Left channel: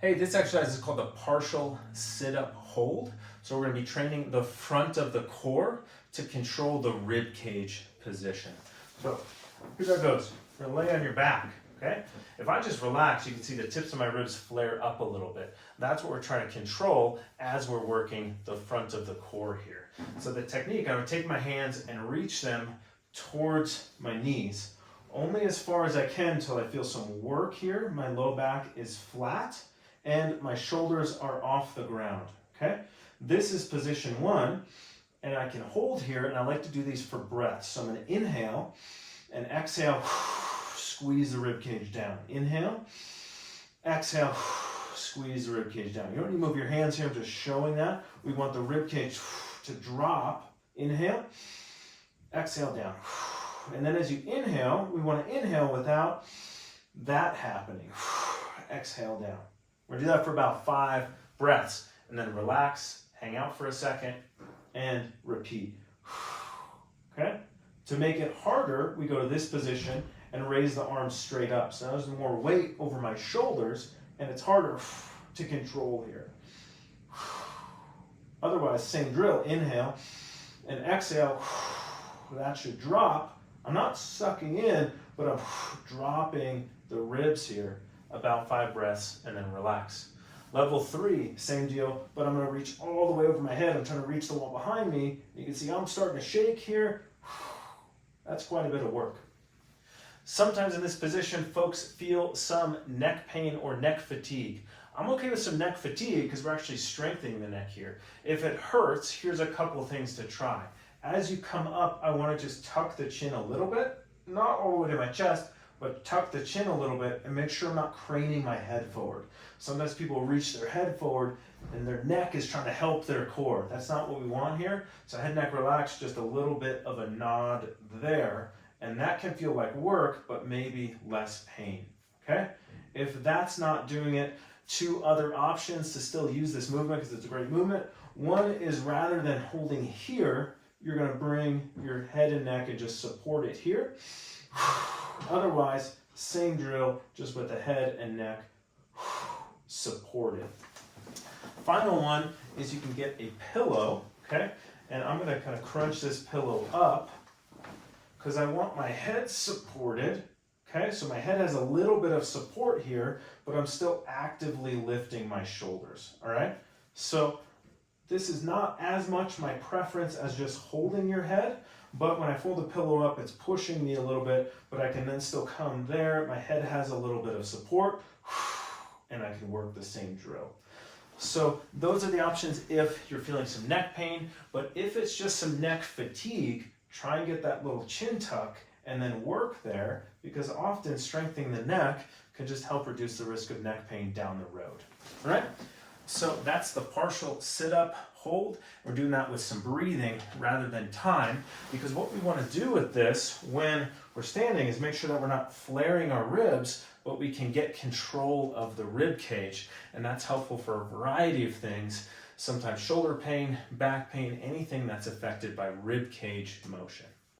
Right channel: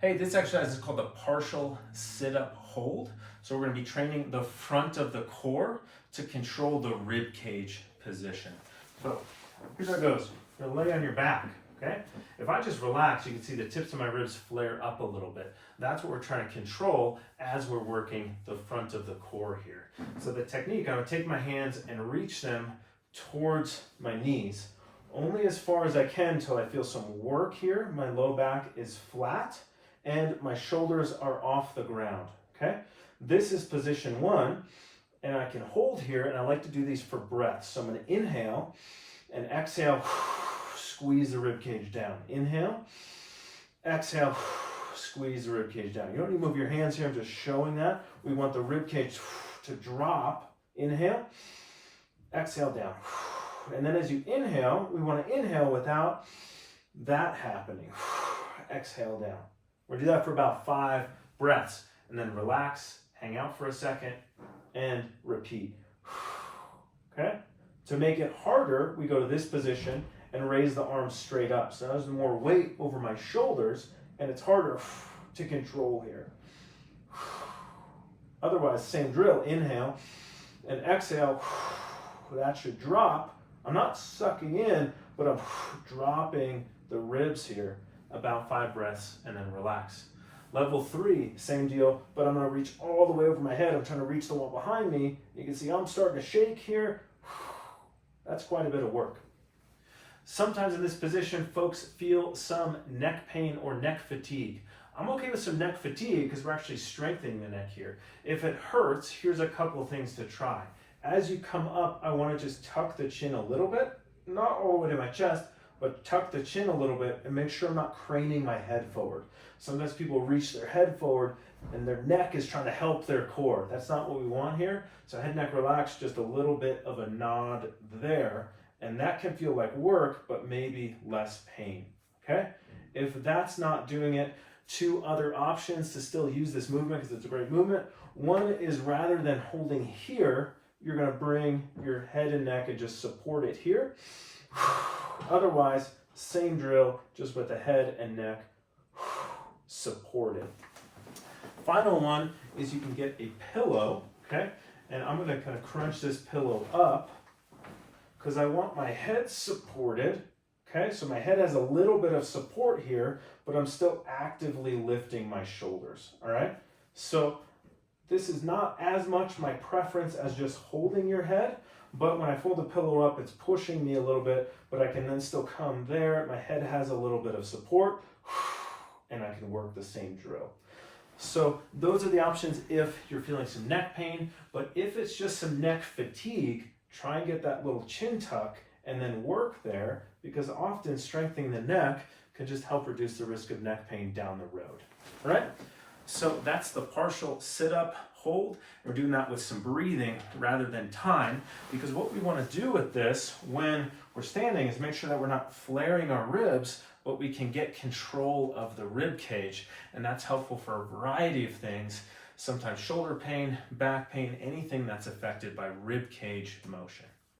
Hey, this exercise is called the partial sit-up hold. So we're going to be training the front of the core to control the rib cage position. So here's how it goes. You're going to lay on your back, okay? If I just relax, you can see the tips of my ribs flare up a little bit. That's what we're trying to control as we're working the front of the core here. So the technique, I'm going to take my hands and reach them towards my knees, only as far as I can until I feel some work here. My low back is flat and my shoulders are off the ground, okay? This is position one, and I can hold here, and I like to do these for breath. So I'm gonna inhale and exhale, squeeze the rib cage down. Inhale, exhale, squeeze the rib cage down. You don't need to move your hands here, I'm just showing that. We want the rib cage to drop. Inhale, exhale down. And then as you inhale, we want to inhale without that happening. Exhale down. We're gonna do that for about 5 breaths, and then relax, hang out for a second, and repeat. Okay? To make it harder, we go to this position and raise the arms straight up. So now there's more weight over my shoulders, and it's harder to control here. Otherwise, same drill. Inhale and exhale. That should drop. I'm not sucking in, but I'm dropping the ribs here. About 5 breaths, and then relax. Level 3, same deal, but I'm going to reach all the way over my head. I'm trying to reach the wall behind me. You can see I'm starting to shake here. That's quite a bit of work. Sometimes in this position, folks feel some neck pain or neck fatigue. I'm okay with some neck fatigue because we're actually strengthening the neck here. If it hurts, here's a couple of things to try. As you come up, I want to just tuck the chin a little bit, not all the way to my chest, but tuck the chin a little bit and make sure I'm not craning my head forward. Sometimes people reach their head forward and their neck is trying to help their core. That's not what we want here. So head, neck, relax, just a little bit of a nod there. And that can feel like work, but maybe less pain, okay? If that's not doing it, 2 other options to still use this movement because it's a great movement. One is rather than holding here, you're gonna bring your head and neck and just support it here. Otherwise, same drill, just with the head and neck supported. Final one is you can get a pillow, okay? And I'm gonna kind of crunch this pillow up because I want my head supported, okay? So my head has a little bit of support here, but I'm still actively lifting my shoulders, all right? So this is not as much my preference as just holding your head, but when I fold the pillow up, it's pushing me a little bit, but I can then still come there. My head has a little bit of support, and I can work the same drill. So those are the options if you're feeling some neck pain, but if it's just some neck fatigue, try and get that little chin tuck and then work there, because often strengthening the neck can just help reduce the risk of neck pain down the road. All right? So that's the partial sit-up hold. We're doing that with some breathing rather than time, because what we want to do with this when we're standing is make sure that we're not flaring our ribs, but we can get control of the rib cage. And that's helpful for a variety of things, sometimes shoulder pain, back pain, anything that's affected by rib cage motion.